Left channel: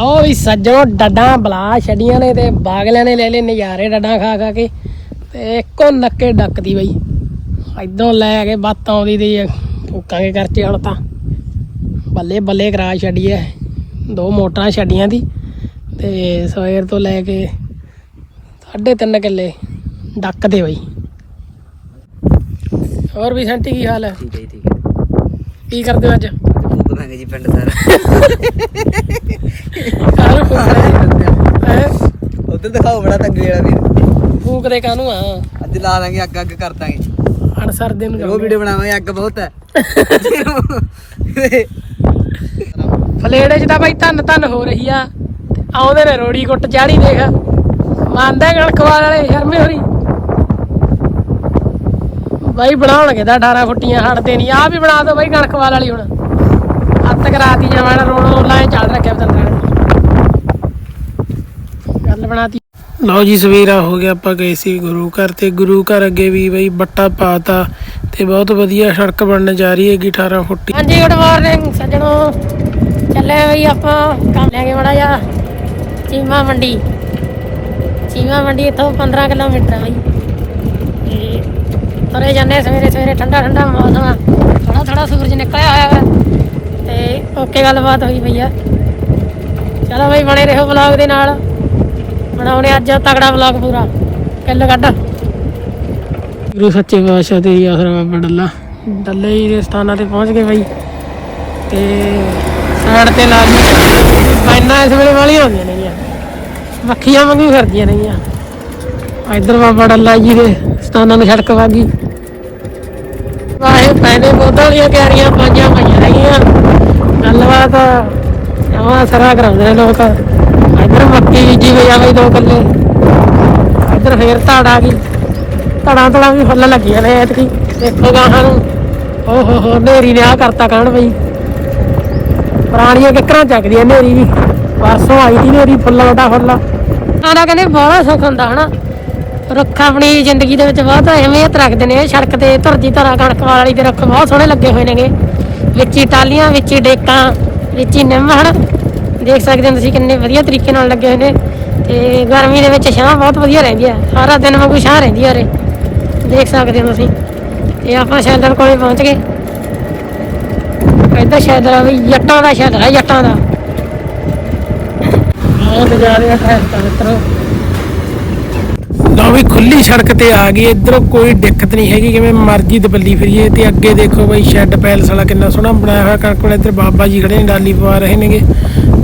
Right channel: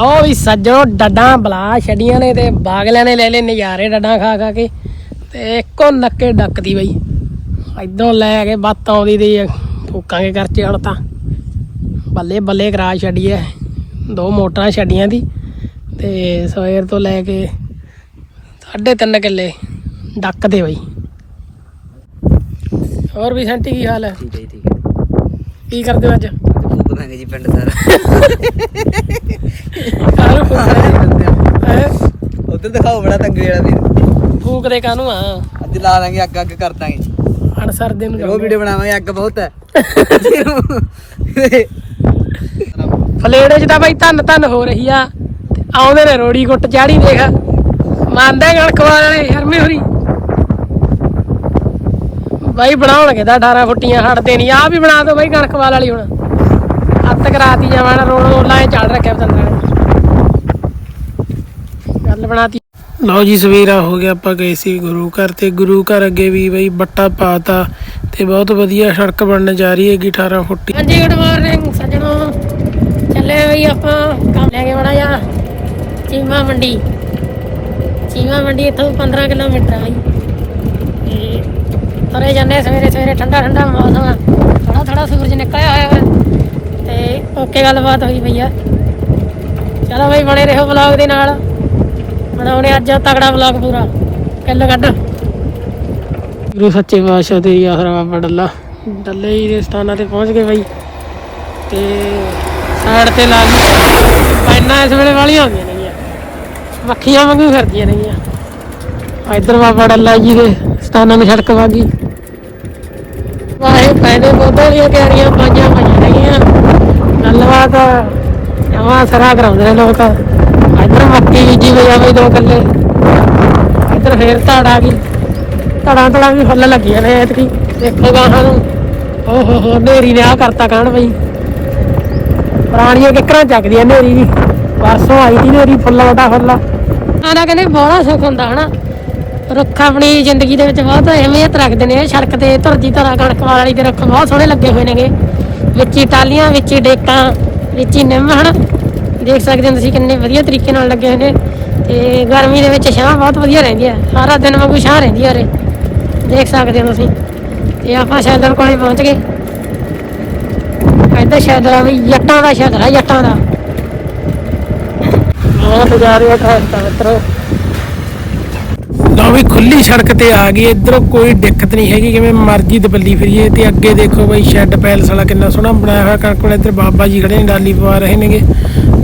ਉਹ ਵੀ ਸੱਜਣੋ ਡੱਡਾਂ ਬਲਾ ਛੱਡੀਆਂ ਨੇ ਤੇ ਬਾਗਲਿਆਂ ਨੇ ਲੈ ਲੈ ਨਜ਼ਾਰੇ ਡੱਡਾਂ ਖਾ ਖਾ ਕੇ ਤੇ ਇੱਕੋ ਨੱਕੇ ਡੱਕਦੀ ਬਈ। ਇਦੋਂ ਲੈ ਕੇ ਬੱਤ ਆਉਂਦੀ ਦੀ ਫੂਕਾਂਗੇ ਕਰਚੇ ਹੁਣ ਤਾਂ। ਬੱਲੇ ਬੱਲੇ ਕਰਾ ਛੱਡੀਏ ਦੋ ਮੋਟਰਾਂ ਛੱਡੀਆਂ ਦੀ ਤੇ ਸਵੇਰ ਤੋਂ ਲੈ ਕੇ ਸਾਢੇ ਤਿੰਨ ਕਿੱਲੇ ਡੱਕਦੇ ਬਈ। ਹੋਰ ਵੀ ਸੰਟੀ ਕੀ ਹਾਲ ਹੈ ਠੀਕ ਹੈ ਜੀ, ਠੀਕ ਹੈ ਕੀ ਕਰਦੇ ਹੋ ਅੱਜ? ਦਾਂਗੇ ਜੀ ਪਿੰਡ ਸਾਰਾ। ਫੂਕਦੇ ਹੈ ਉਧਰ ਦਿਖਾਓ ਬੜਾ ਤੰਗੇ ਵਾਲਾ ਵੀ ਫੂਕਦੇ ਕਾਹਨੂੰ ਆ? ਅੱਜ ਲਾ ਲਾਂਗੇ ਅੱਗ ਅੱਗ ਕਰ ਦਾਂਗੇ। ਅਣਸਰ ਦੇ ਨੂੰ ਉਹ ਵੀਡੀਓ ਬਣਾਵਾਂਗੇ ਅੱਗ ਬਹੁਤ ਹੈ। ਫਲੇੜੇ 'ਚ ਤਾਂ ਬਈ ਧੰਨ ਧੰਨ ਹੋ ਰਹੀ ਆ। ਆਉਂਦੇ ਨੇ ਰੋੜੀ ਕੁੱਟ ਚਾੜੀ ਦੇਖ। ਮੰਨਦਾ ਗਣਕਵਾਲ ਵਾਲੇ ਸ਼ਰਮੇ ਹੋਰੀ। ਬਾਈ ਬਣਾਉਣਗੇ ਤਾਂ 18 ਫੁੱਟੀਆਂ ਹਟਦੇ ਨਹੀਂ ਆ ਵੀ ਬਣਾ ਦਿਓ ਬਾਈ ਗਣਕਵਾਲ ਵਾਲੀ ਹੁਣ। ਹੱਥ ਕਰਾਤੀ ਜਾਵਾਂ ਰੋੜ ਰੋਲਾਂ ਚੱਲ ਰੱਖਿਆ ਬਤੰਦਰਾਂ ਗੱਲ ਬਣਾਤੀ। ਲਓ ਜੀ ਸਵੇਰਾ ਹੋ ਗਿਆ ਆਪਾਂ ਗਏ ਸੀ ਗੁਰੂ ਘਰ ਤੇ ਗੁਰੂ ਘਰ ਅੱਗੇ ਵੀ ਬਈ ਬੱਟਾ ਪਾਤਾ ਤੇ ਬਹੁਤ ਵਧੀਆ ਸੜਕ ਬਣਨ ਜਾ ਰਹੀ ਹੈਗੀ 18 ਫੁੱਟੀ ਹਾਂਜੀ ਗੁੱਡ ਮਾਰਨਿੰਗ ਸੱਜਣੋ। ਚੱਲੇ ਬਈ ਆਪਾਂ ਕੰਮ ਲੈ ਕੇ ਬੜਾ ਜਾ ਚੀਮਾ ਮੰਡੀ। ਚੀਮਾ ਮੰਡੀ ਇੱਥੋਂ 15 ਕਿਲੋਮੀਟਰ ਆ ਬਈ। ਤੁਰੇ ਜਾਂਦੇ ਸਵੇਰੇ ਸਵੇਰੇ ਠੰਡਾ ਠੰਡਾ ਮੌਸਮ ਥੋੜਾ ਥੋੜਾ ਸੂਰਜ ਨਿਕਲਿਆ ਹੋਇਆ ਹੈ ਤੇ ਓਕੇ, ਗੱਲਬਾਤ ਹੋਈ ਪਈ ਚਲੋ ਬਈ, ਬਣੇ ਰਹੋ ਵਲੌਗ ਦੇ ਨਾਲ। ਬਣਾਉਣੇ ਅੱਜ ਤਗੜਾ ਵਲੌਗ ਪੂਰਾ। ਕਿੱਲ ਕੱਢ। ਗੁਰੂ ਸੱਚੇ ਪਾਤਸ਼ਾਹ ਤੇ ਆਸਰਾ ਬਾਬਾ ਡੱਲਾ। ਡੱਲੇ ਹੀ ਦੇ ਸਥਾਨਾਂ ਤੇ ਪਹੁੰਚ ਗਏ ਬਈ। ਤੇ ਸਾਈਡ ਤੇ ਲਾ ਲਈ ਬਾਈਨਾਂ ਇਸ ਵੇਲੇ ਵਾਲੀਆਂ ਹੁੰਦੀਆਂ ਨੇ ਜੀ ਮੱਖੀਆਂ ਵਾਂਗੂ ਫਿਰਦੀਆਂ ਨੇ ਜੀ ਇੱਧਰ ਬਾਬਾ ਡੱਲਾ ਜੀ ਦੇ ਸਥਾਨਾਂ ਨੂੰ ਸੜਕ ਵਾਗੀ ਵਾਹੇ ਪੈਨੇ ਬੋਤਲ ਕਿਆਰੀਆਂ ਪਾਈਆਂ ਪਈਆਂ ਰਹੀਆਂ। ਗੱਲਬਾਤ ਨਵਾਂ ਸਰਾ ਕਰਾਉਂਦੇ ਨੇ ਲੋਕ। ਇੱਧਰ ਮੱਕੀ ਬੀਜੀ ਹੋ ਜਾਵੇ ਦੋ ਕੱਲੇ। ਇੱਧਰ ਫੇਰ ਧੜ ਆ ਗਈ। ਧੜਾਂ ਧੜਾਂ ਵੀ ਫੁੱਲ ਲੱਗੀਆਂ ਨੇ ਐਤਕੀ। ਦੇਖੋ ਗਾਹਾਂ ਨੂੰ। ਓ ਹੋ ਨੇਰੀ ਨੇ ਆ ਕਰਤਾ ਕਹਿਣ ਬਈ। ਪੁਰਾਣੀਆਂ ਕਿੱਕਰਾਂ ਚੱਕਦੀਆਂ ਨੇਰੀ ਜੀ ਪਰਸੋਂ ਆਈ ਸੀ ਨੇਰੀ ਫੁੱਲ ਵਟਾ ਫੁੱਲ। ਆਲਾ ਕਹਿੰਦੇ ਬੜਾ ਸੁੱਖ ਹੁੰਦਾ ਹਨਾ। ਰੁੱਖ ਆਪਣੀ ਜ਼ਿੰਦਗੀ ਦੇ ਵਿੱਚ ਬਹੁਤ ਅਹਿਮੀਅਤ ਰੱਖਦੇ ਨੇ। ਸੜਕ ਤੇ ਧਰਜੀ ਧਰਾ ਕਣਕ ਵਾਲੀ ਦੇ ਰੁੱਖ ਬਹੁਤ ਸੋਹਣੇ ਲੱਗੇ ਹੋਏ ਨੇਗੇ। ਵਿੱਚ ਹੀ ਟਾਲੀਆਂ ਵਿੱਚ ਹੀ ਡੇਕਾਂ, ਵਿੱਚ ਹੀ ਨਿੰਮ ਹਨਾ ਦੇਖ ਸਕਦੇ ਹੋ ਤੁਸੀਂ ਕਿੰਨੇ ਵਧੀਆ ਤਰੀਕੇ ਨਾਲ ਲੱਗੇ ਹੋਏ ਨੇ। ਤੇ ਗਰਮੀ ਦੇ ਵਿੱਚ ਛਾਂ ਬਹੁਤ ਵਧੀਆ ਰਹਿੰਦੀ ਹੈ ਸਾਰਾ ਦਿਨ ਵਾਂਗੂ ਛਾਂ ਰਹਿੰਦੀ ਹੈ ਰੇ ਦੇਖ ਸਕਦੇ ਹੋ ਤੁਸੀਂ। ਤੇ ਆਪਾਂ ਸ਼ੈਲਰ ਕੋਲੇ ਪਹੁੰਚ ਗਏ। ਇੱਧਰ ਸ਼ੈਲਰਾਂ ਦੀ ਜੱਟਾਂ ਦਾ ਸ਼ੈਲਰ ਹੈ, ਜੱਟਾਂ ਦਾ। ਬਹੁਤ ਨਜ਼ਾਰੇ ਉੱਥੇ ਤਲਤਰੋ ਵੀ ਖੁੱਲੀ ਸੜਕ ਤੇ ਆ ਗਈ, ਇਧਰੋਂ ਕੋਈ ਦਿੱਕਤ ਨਹੀਂ ਹੈਗੀ, ਕਿਵੇਂ ਮਰਜ਼ੀ ਦਬੱਲੀ ਫਿਰੀਏ ਤੇ ਅੱਗੇ ਦੇਖੋ ਬਈ ਸ਼ੈੱਡ ਪੈਲਸ ਵਾਲਾ ਕਿੰਨਾ ਸੋਹਣਾ ਬਣਾਇਆ ਹੋਇਆ, ਕਣਕ ਇੱਧਰ ਬਾਬਾ ਜੀ ਖੜੇ ਨੇ, ਡਾਲੀ ਪਵਾ ਰਹੇ ਨੇਗੇ।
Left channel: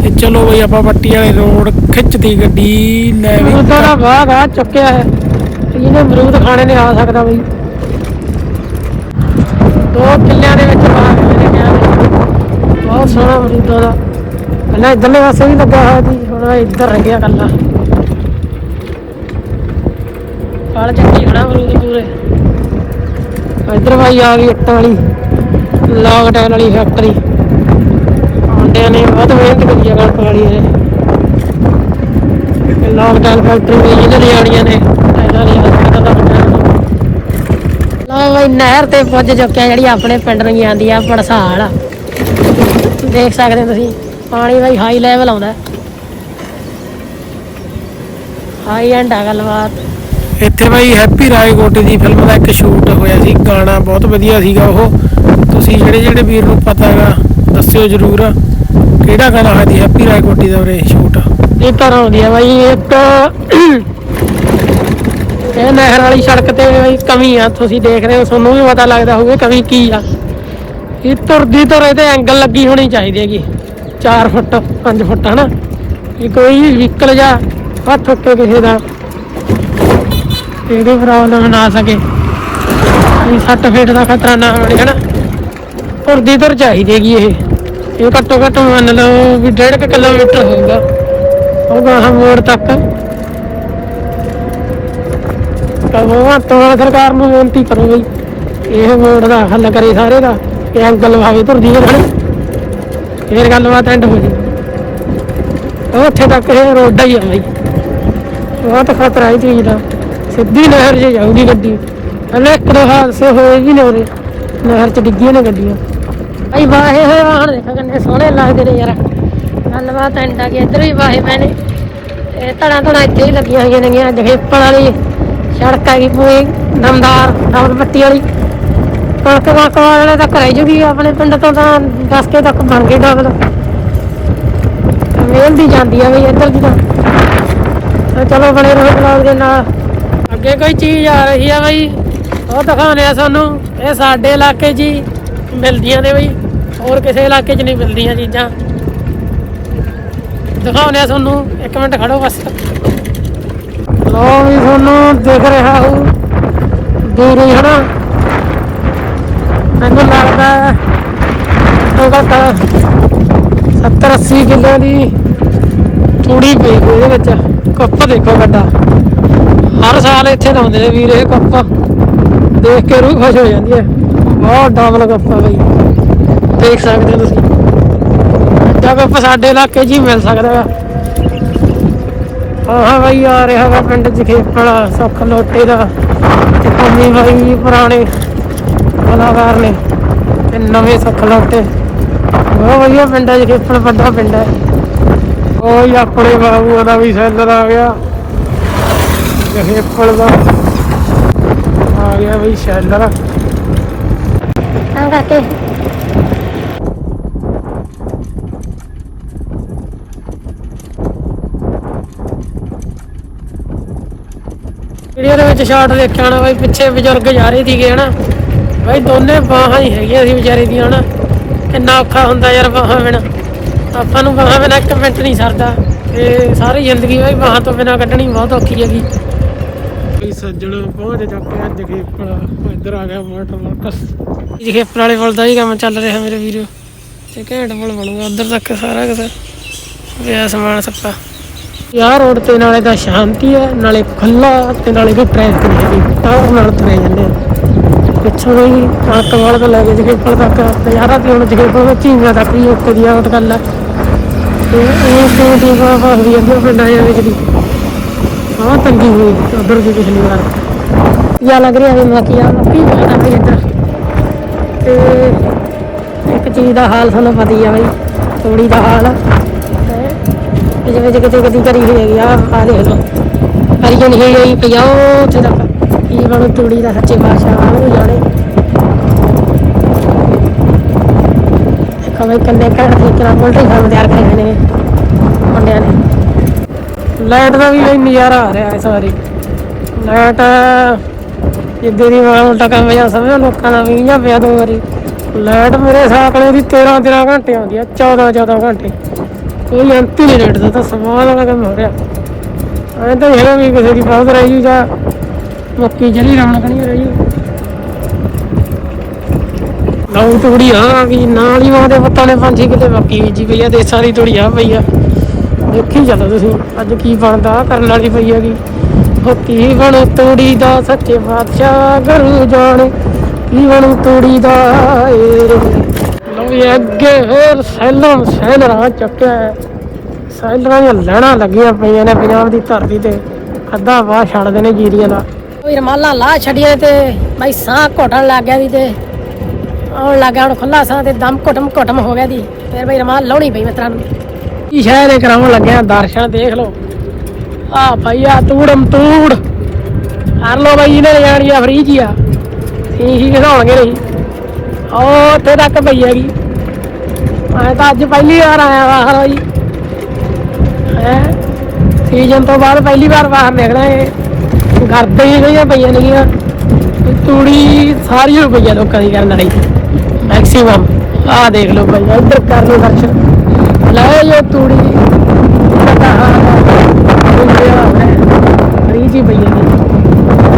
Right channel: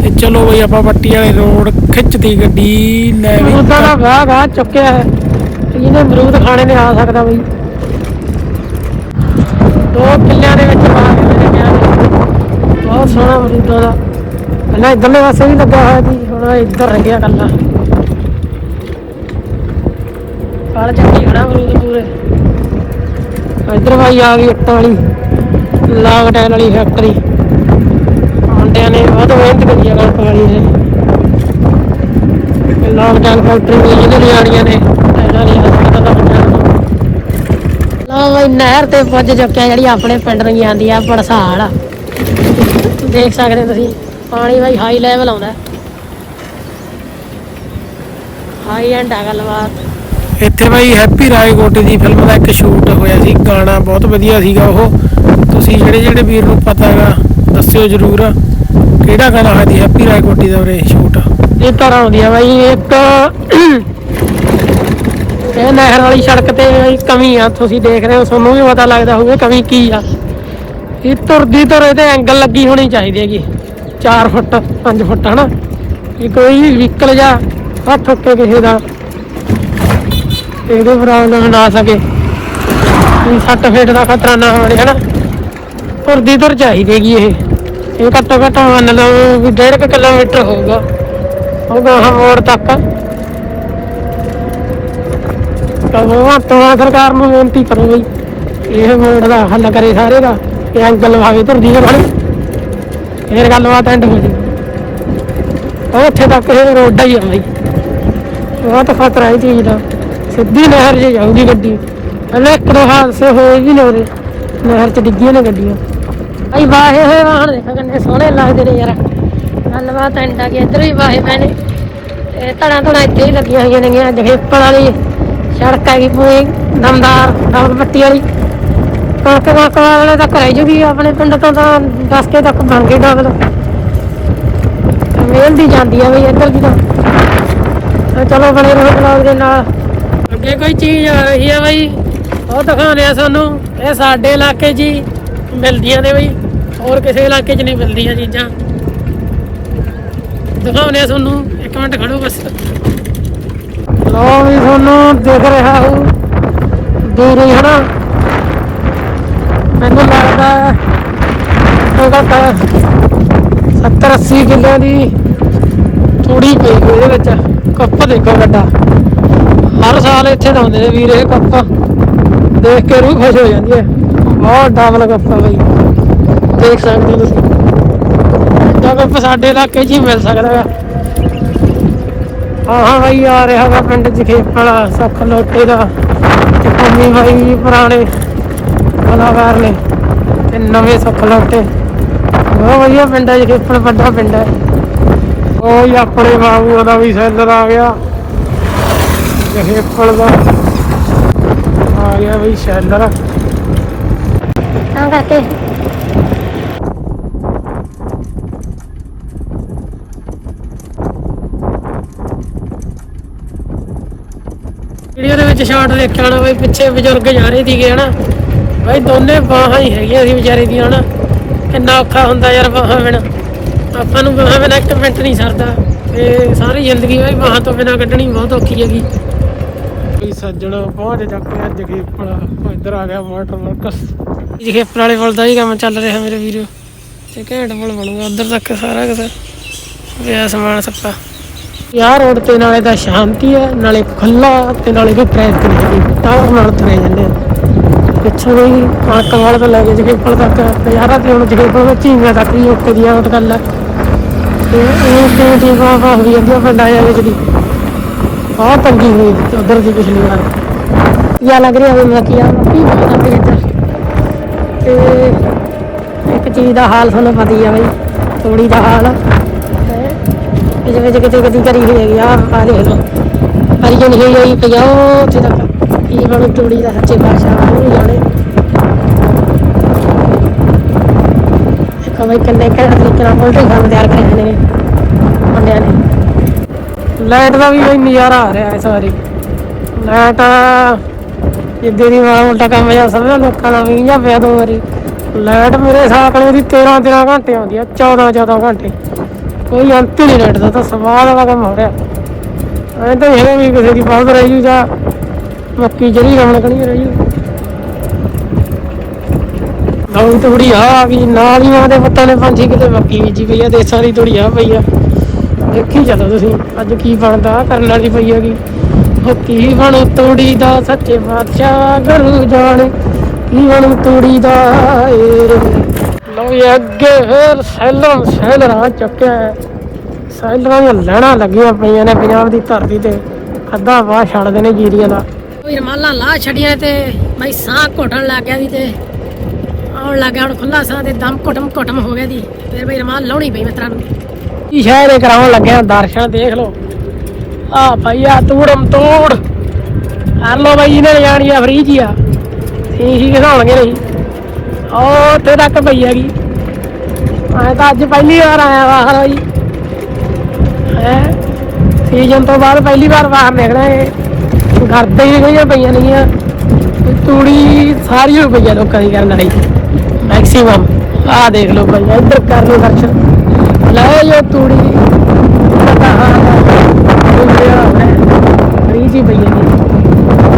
ਤੇ ਚਲੋ ਬਈ ਆਪਾਂ ਪੱਟੀ ਵਾਲੇ ਰੋਡ ਖਿੱਚਦੀ ਗੱਡੀ, ਲੈ ਵੀ ਉਹਦਾ ਦਾ ਵਾਹ ਵਾਹ ਚੁੱਕਿਆ ਹੈ। ਜਿਹਨੇ ਅਮਰੂਦ ਖਾਣੇ ਨੇ, ਆ ਸਕਦਾ ਬਈ। ਦੋ ਕਿੱਲਿਆਂ ਦੇ ਵਿੱਚ ਬਾਗ ਬਹੁਤ ਸੋਹਣਾ ਅਮਰੂਦਾਂ ਦਾ ਪਹਿਲਾਂ ਇੱਧਰਲੇ ਪਾਸੇ ਵੀ ਲੱਗਾ ਹੋਇਆ ਸੀ, ਹੁਣ ਇੱਧਰ ਰਹਿ ਗਿਆ ਕੱਲਾ। ਕਾਲ ਚੱਕੀ ਖੜਾ ਅਮਰੂਦ ਪੂਰੇ। ਇੱਧਰ ਭਾਈ ਆ ਗਈ ਇੱਟਾਂ ਵਾਲੀ। ਲਾਕਡਾਊਨ ਵਾਲੀ ਫੈਕਟਰੀ ਮੁੰਡਿਆਂ ਨੇ ਬਹੁਤ ਮਿਹਨਤ ਕਰੀ ਹੈ ਕਣਕ ਵਾਲੀ ਲਾਕਡਾਊਨ ਫੈਕਟਰੀ ਦੇ ਜਿਹੜੇ ਆੜੀਆਂ ਨੇ। ਇਹਨਾਂ ਦੀ ਪਤਾ ਤਾਂ ਲਓ ਬਈ, ਨਹਿਰ ਤੇ ਪੁੱਜ ਚੁੱਕਿਆ ਜਿਹੜੀ ਆਪਣੇ ਪਿੰਡ ਨੂੰ ਜਾਂਦੀ ਆ ਪੜਸਾਲ ਦੇਖ ਸਕਦੇ ਹੋ ਤੁਸੀਂ, ਪਾਣੀ ਬਈ ਹਾਈ ਲੈਵਲ ਆਉਂਦਾ। ਹਾਈ ਐਂਡ ਆ ਗੱਲਬਾਤ। ਇੱਥੇ ਬਾਈ ਹੈਪੀ ਰਾਏ ਰਾਏਕੋਟ ਦੀ ਫਿਲਮ ਦਾ ਇੱਕ ਸ਼ੂਟ ਹੋਇਆ ਸੀ, ਗਾਣਾ ਬਹੁਤ ਵਧੀਆ ਸੀਗਾ ਉਹ। ਤੁਸੀਂ ਜਿਹੜੇ ਜਿਹੜੇ ਵੀਰ ਨੂੰ ਪਤਾ ਹੈਗਾ, ਦੱਸਿਓ ਜਰੂਰ ਕਿਹੜਾ ਗਾਣਾ ਹੈ ਸੀ ਹੈਪੀ ਰਾਏ ਰਾਏਕੋਟੀ ਦਾ ਉਰੇ ਸ਼ੂਟ ਇਹ ਤਰ੍ਹਾਂ ਹੁੰਦੀ ਆ ਬਾਈ ਇੱਕ ਇਹ ਨਹਿਰ ਵਾਲੀ ਸੜਕ ਤੇ ਕਮੀ ਆ, ਤੁਸੀਂ ਦੇਖ ਰਹੇ ਹੋ, ਤੁਹਾਨੂੰ ਵੀ ਪਤਾ ਲੱਗਦਾ ਹੋਊਗਾ ਕਮੀ ਕੀ ਆ। ਇਹ ਤੁਰਦੀ ਤੁਰ ਇਹਦੇ ਐਂਗਲ ਲੱਗੀ ਹੋਣੀ ਚਾਹੀਦੀ ਹੈਗੀ 4 ਫੁੱਟ 5 ਫੁੱਟ ਹਨਾ। ਇਹ ਕੋਈ ਵੀ ਵਹੀਕਲ ਜਾਂ ਹੱਥ ਠੋਕੇ ਕਿਸੇ ਦਾ ਇਹਦੇ ਪ੍ਰੋਬਲਮ ਨਾ ਸਕੇ। ਇਹ ਸੱਟ ਦਾ ਖਤਰਾ ਨਾ ਹੋਵੇ, ਹਨਾ? ਤੁਰਦੀ ਤੁਰ ਚਾਹੀਦੀ ਇਹ। ਇਹ ਘੱਟੋ ਘੱਟ ਮੰਨ ਲਓ ਵੀ 1.5 ਕਿਲੋਮੀਟਰ ਹੋਊਗਾ। ਉਹ ਮੋੜ ਤੱਕ। ਤਾਂ ਉਹ ਤਾਂ ਸਰਕਾਰ ਨੂੰ ਬੇਨਤੀ ਕਰੋ ਬਈ ਇਹ ਮੋੜ ਦਾ ਹੱਲ ਕਰੇ ਸਾਰੇ ਦਾ, ਇਹ ਅੰਕਲ ਭਾਵੇਂ ਤੁਰਦੀ ਹੈ ਹਨਾ ਇਹ ਗੱਲਬਾਤ ਐਂਡ ਹੋ ਗਈ ਉਹ ਇੱਥੇ ਤੱਕ ਇਹ ਰੋਡ ਹੀ ਆ ਬਈ। ਬਹੁਤ ਖਤਰਾ ਹੈ ਚੀਜ਼ ਦਾ ਸਿੱਧੀ ਨਹਿਰ 'ਚ ਜਾਂਦੀ ਗੱਡੀ। ਪਹਿਲੇ ਹਾਦਸੇ ਹੋਏ ਵੀ ਨੇ ਨਹਿਰ 'ਚ ਡਿੱਗੀਆਂ ਨੇ ਗੱਡੀਆਂ। ਭਾਈ ਵਾਹੇ ਹੋਏ ਵਾਹਣ ਦੇਖੋ ਕਿੰਨੇ ਸੋਹਣੇ ਲੱਗਦੇ ਨੇ ਯਾਰ। ਗੱਲਬਾਤ ਐਂਡ ਆ ਇੱਧਰ ਵੀ ਵਾਹੇ ਪਏ ਇਹ ਧੜਾ ਧੜਾ ਇੱਥੇ ਹੀ ਲੱਗੀਆਂ ਹੋਈਆਂ ਨੇਗੀਆਂ ਜਹੇਪਣ ਵਾਲੀ ਸੜਕ ਹੈਗੀ ਪੂਰੀ, ਦਮਦਾਰ ਦਮਦ ਪੱਟੀ ਵਾਲੀ। ਕਣਕ ਕਣਕ ਵਾਲਾ ਤਾਂ ਘਰੇ ਜੂਗੀ ਆਪਣੇ ਪਿੰਡ ਤੋਂ ਤਾਂ 10 ਕੇ ਤੱਕ ਬਣ ਗਈ ਡਬਲ। ਮੇਲ ਦੀ ਜਾਂਦੀ ਆ ਵੀ ਇੱਧਰ ਦੀ ਤਾਂ ਤਾਂ। ਚਲੋ ਬਣੇ ਰਹੋ ਬਲੌਗ ਦੇ ਨਾਲ। ਜੇ ਕੋਈ ਚੀਜ਼ ਆ ਰਹੀ ਆ ਬਈ। ਉਹ ਦਿਖਾਉਂਦੇ ਆ ਤੁਹਾਨੂੰ ਇਹ ਸਾਡੇ ਇਲਾਕੇ 'ਚ ਹੀ ਮਿਲਦੀਆਂ ਨੇ ਬਈ। ਹੋਰ ਕਿਸੇ ਇਲਾਕੇ 'ਚ ਨਹੀਂ ਮਿਲਦੀਆਂ ਚੀਜ਼ਾਂ। ਦਿਖਾਉਂਦੇ ਆ ਤੁਹਾਨੂੰ। ਇੱਕ ਮਿੰਟ ਖੜੋ ਬਸ। ਲੋ ਵੀ ਤੁਹਾਨੂੰ ਦਿਖ ਰਿਹਾ ਹੋ ਦੂਰ ਹੀ ਹਨਾ। ਮੈਨੂੰ ਲੱਗਦਾ ਹੈ ਉਹਦਾ ਤਾਂ 70 80 ਕਿੱਲਿਆਂ ਦੀ ਤੂੜੀ ਪਈ ਹੋਈ ਇਹਦੇ ਵਿੱਚ। ਕੱਪ ਦੇਖੋ ਵੱਡਾ। ਹਰ ਸਾਲ ਇੱਥੇ ਲਾਉਂਦੇ ਨੇ ਵੀਰ ਇਹ ਕੱਪ ਦੇਖ ਕੇ ਰੂਹ ਖੁਸ਼ ਹੋ ਜਾਂਦੀ ਹੈ। ਬਹੁਤ ਡਬਲ ਕੱਪ ਬਈ। ਦੇਖ ਸਕਦੇ ਹੋ ਤੁਸੀਂ। ਐਡਾ ਕੱਪ ਸਾਡੇ ਇਲਾਕੇ 'ਚ ਹੀ ਮਿਲ ਸਕਦਾ ਹੈ ਹਾਂ ਹਾਂ ਬਈ ਆ ਰਿਹਾ ਵਾ ਪਿੰਡ ਜਖੇਪੜਾ ਸੁੱਖ ਲੋਟੇ ਦਾ। ਤੇ ਪੰਮੀ ਬਾਈ ਪੁਰਾਣੇ ਕਲਾਕਾਰ ਨੇ। ਤੇ ਨਵੇਂ ਸੁੱਖ ਲੋਟੇ। ਬਹੁਤ ਵਧੀਆ ਪਿੰਡ ਹੈ ਜਖੇਪੜ ਵੱਡਾ ਪਿੰਡ ਹੈ। ਉਹ ਆਪਣੇ ਬਾਬੂ ਦਾ ਵੀ ਸੈਲਰ ਆ ਗਿਆ। ਜਖੇਪੜ ਦਾ ਆ ਗਿਆ ਬਈ ਸੈਲਰ। ਤਾਂ ਕਰਕੇ ਵੀਡੀਓ ਦੇ ਵਿੱਚ ਸ਼ਾਟ ਦੇਖਿਆ ਨਾ ਬਾਈ ਪਿੱਛੇ ਬਜ਼ੁਰਗ ਜਾ ਰਹੇ ਸੀਗੇ ਹਨਾ? ਬਾਈ ਦੋਨੇ ਬਾਹਾਂ ਹੀ ਹੈਗੀਆਂ ਸੀ ਵਿਚਾਰੇ ਦੀਆਂ ਹਨਾ? ਕਿੰਨਾ ਔਖਾ ਹੁੰਦਾ ਯਾਰ ਬਾਹਾਂ ਬਿਨਾ। ਆਪਾਂ ਨੂੰ ਬਾਹਾਂ ਬਿਨਾ ਇੱਕ ਮਿੰਟ ਨਹੀਂ ਸਰਦਾ। ਤੇ ਸਾਰੀ ਜ਼ਿੰਦਗੀ ਬਾਈ ਬਾਹਾਂ ਤੋਂ ਬਿਨਾ ਕੱਢਣੀ ਬਹੁਤ ਔਖੀ ਹੈਗੀ। ਸੱਜਣ ਪਹੁੰਚ ਚੱਕੇ ਅੱਜ ਖੇਪੜਾ ਇੱਧਰ ਆ ਗਿਆ ਮੋਟਰ ਮੋਟਰ ਜੀ ਖੇਪੜ ਵਾਲੇ ਪੁਲ ਦਾ ਹੀ ਕੰਮ ਚੱਲ ਰਿਹਾ ਮੇਰੇ ਵੀਰੋ। ਤੇ ਘੈਂਟ ਪੁਲ ਬਣੂਗਾ ਉਧਰ ਤੱਕ ਸਾਰਾ ਕੁਝ ਵਿਆ ਸਮਾਨ ਸੱਪਾ। ਯਾਰ ਰੋਡ ਤੇ ਨਾਲੇ ਤਾਂ ਸ਼ਾਂਤੀ ਹੈ ਨਾਲੇ ਖੁੱਲਾ ਤੇ ਨਾਲੇ ਕੋ ਟ੍ਰੈਫਿਕ ਨਹੀਂ ਹੈਗੀ। ਪਾਵਰ ਨਾਲ ਤੁਰੇ ਜਾਂਦੇ ਆ। ਪਿੱਛੋਂ ਵੀ ਕਮਾਲ ਤੋਂ ਲੈ ਕੇ ਜਗੇਪੁਰ ਤੱਕ ਯਾਰਾ ਤੇ ਹੁਣ ਜਗੇਪੁਰ ਵਿੱਚ ਹੀ ਤੱਕ ਹੀ ਉੱਤੇ ਦੀ ਆਉਟ ਗੱਲ ਹੈ ਤੇ ਇਹ ਤੇ ਦੀ ਬਾਬਾ ਹੋਈ ਜਾਂਦੀ ਆ ਪਿੰਡਾਂ ਜਾਂ ਵਿੱਚ ਤੰਗੀ ਹੋਈ ਉਧਰ ਦੀ ਪਿਛਲੀ ਵਾਰ ਯਾ ਲੱਗ ਰਿਹਾ ਵੀ ਮੈਂ ਕਿਹਾ ਕੀ ਬਾਤ ਆ ਇੱਧਰ? ਤੇ ਇੱਕ ਚੀਜ਼ ਦਾ ਹਾਲ ਤੁਹਾਨੂੰ ਪਤਾ ਹੀ ਆ ਬਈ ਥੋੜੀ ਦਾ ਹਾਲ। ਇਹਦੇ ਵਿੱਚ ਕਿਤੇ ਕਿਤੇ ਕਰੀ ਹੋਈ ਆ ਆ ਦੇਖ ਲਓ। ਕਰੀ ਕੋਈ ਹੋਈ ਹੋਈ ਪਿਆ ਉੱਥੇ ਤੱਕ। ਇਹ ਵਾਲਾ ਤੂੜੀ ਦਾ ਸੱਚੇ ਬਾਦਸ਼ਾਹ ਉਹ ਜਾਣੇ। ਕਵੇ ਕੰਨੇ ਕਹਿ ਰਹੀ ਕਿ ਆਪਾਂ ਤਿਆਰ ਕਰੇ ਨੇ ਮੁੰਡਿਆਂ ਨੇ। ਲਾਈਟ ਦਾ ਵੀ ਕੋਈ ਨਜ਼ਾਰਾ ਆ ਰਿਹਾ ਇਸ ਵਾਰੀ। ਲਾਈਟ ਜਿੱਦੇ ਦੀ ਵਾਰ ਉਲਟਾ ਕੰਮ ਜਾਂ ਸਭ ਲੋਕਾਂ ਦਾ ਵੀ ਜਾਂ ਪਿਆ ਦੋ ਵਾਰੀ। ਲਾਈਟ ਮੇਰੇ ਹਿਸਾਬ ਨਾਲ ਵੀ 13 13 ਘੰਟੇ ਆਉਂਦੀ ਆ 14 14 ਘੰਟੇ। ਕੋਈ ਅੰਤ ਨਹੀਂ ਲਾਈਟ ਦਾ ਤਾਂ ਸਵਾਲ ਵਾਲਾ ਕੰਮ ਹੋ ਰਿਹਾ। ਐ ਤਾਂ ਇਹ ਵੀ ਕਿਸੇ ਦੀ ਬਹੁਤ ਰਹੀ ਜਾਂ ਮੱਕੀ ਜਿਹੜੀ ਰਮਣ ਕਣੀ ਰਹੀ ਨਵੀਂ ਤੂੜੀ ਆ ਵੀ ਨਾਲ ਹੀ ਮਾਂ ਦੇ ਪੱਤਾਂ ਨੇ ਪੰਛੀ ਕਿਤੇ ਮੱਕੀ ਬੀਜੀ ਪਈ ਆ, ਦੇਸਾਂ ਦੀ ਤੂੜੀ ਆ ਪਈ ਆ। ਦੇਖੀ ਚੱਲੋ ਤੁਸੀਂ। ਅੱਜ ਕੀ ਬਣਦਾ? ਕਰਨ ਵਾਲੀ ਪਈ ਹੈਗੀ। ਕੀ ਬਣੂ ਤੂੜੀ ਦਾ ਸੱਚੇ ਬਾਦਸ਼ਾਹ ਗੁਰੂ ਜਾਣ। ਕੀ ਬਣੂ ਤੂੜੀ ਦਾ? ਲੋ ਇਹ ਅੱਗੇ ਫੇਰ ਸੈਲਰ ਸੈਲਰ ਆ ਚੁੱਕਿਆ ਹੈ। ਸੈਲਰਾਂ ਦੀਆਂ ਲੜਾਂ ਲੱਗੀਆਂ ਪਈਆਂ ਨੇ ਪੰਜਾਬ ਦੀ ਧਰਤੀ ਤੇ। ਅੱਧਾ ਵਾਹ ਛੱਡਦੇ ਨੇ ਜੀਰੀ ਦਾ। ਕੋਈ ਰਮਾਲਾ ਲਾ ਛੜੀਆਂ ਤੇ। ਬਈ ਸਾਹ ਘੋਟਣ ਲੱਗ ਗਿਆ ਸੀ ਤੇ। ਆਉਣ ਲੱਗ ਗਿਆ, ਹੁਣ ਖੁੱਲਾ ਸਾਹ ਤੇ ਦਮ ਘੁੱਟਮ ਘੁੱਟਮ ਹੋ ਗਿਆ ਦੀ ਫਿਰ ਬਈ ਰਮਾਲ ਲਾਉਣੀ ਪਈ ਮਿੱਤਰਾਂ ਨੂੰ। ਕੀ ਸ਼ਹਿਰ ਕਰਾਉਣ ਲੱਗਿਆ ਦਰਸ਼ਨ ਦੇਖ ਲਓ। ਆ ਭਈਆ ਤੂੜਮ ਤੂੜ ਕਰ ਲਓ ਬਈ ਨਾ ਜਾਣੀ ਆ ਫਰੀ ਜੀ ਆ। ਠੀਕ ਘਸਾਉਣਗੇ ਨਹੀਂ। ਉਹ ਉੱਥੇ ਤੱਕ ਪਈ ਹੈਗੀ। ਮੈਂ ਤਾਂ ਅੱਜ ਪਹਿਲੀ ਵਾਰ ਆਇਆ ਬਾਹਰ ਜੀ ਹੈ? ਸੀਜ਼ਨ ਤੋਂ ਬਾਅਦ ਪਹਿਲੀ ਵਾਰ ਬਾਹਰ ਨਿਕਲਿਆ ਇਹ। ਘਰ ਤੇ ਹੀ ਗਈਆਂ ਪਈਆਂ ਨੇਗੀਆਂ ਤੂੜੀ ਸਾਰੀ ਹੋ ਪਈ ਆ ਲੋਕਾਂ ਦੀ ਕਰਨ ਵਾਲੀ। ਮੈਕਸਿਮਮ ਆਹ ਦੇਖ ਲਓ ਭਾਈ ਇੱਧਰ ਕਰ ਲਓ ਦਰਸ਼ਨ। ਲੈ ਇਹ ਤੂੜੀ। ਪਤਾ ਹਾਂ ਜੀ ਭਈਆ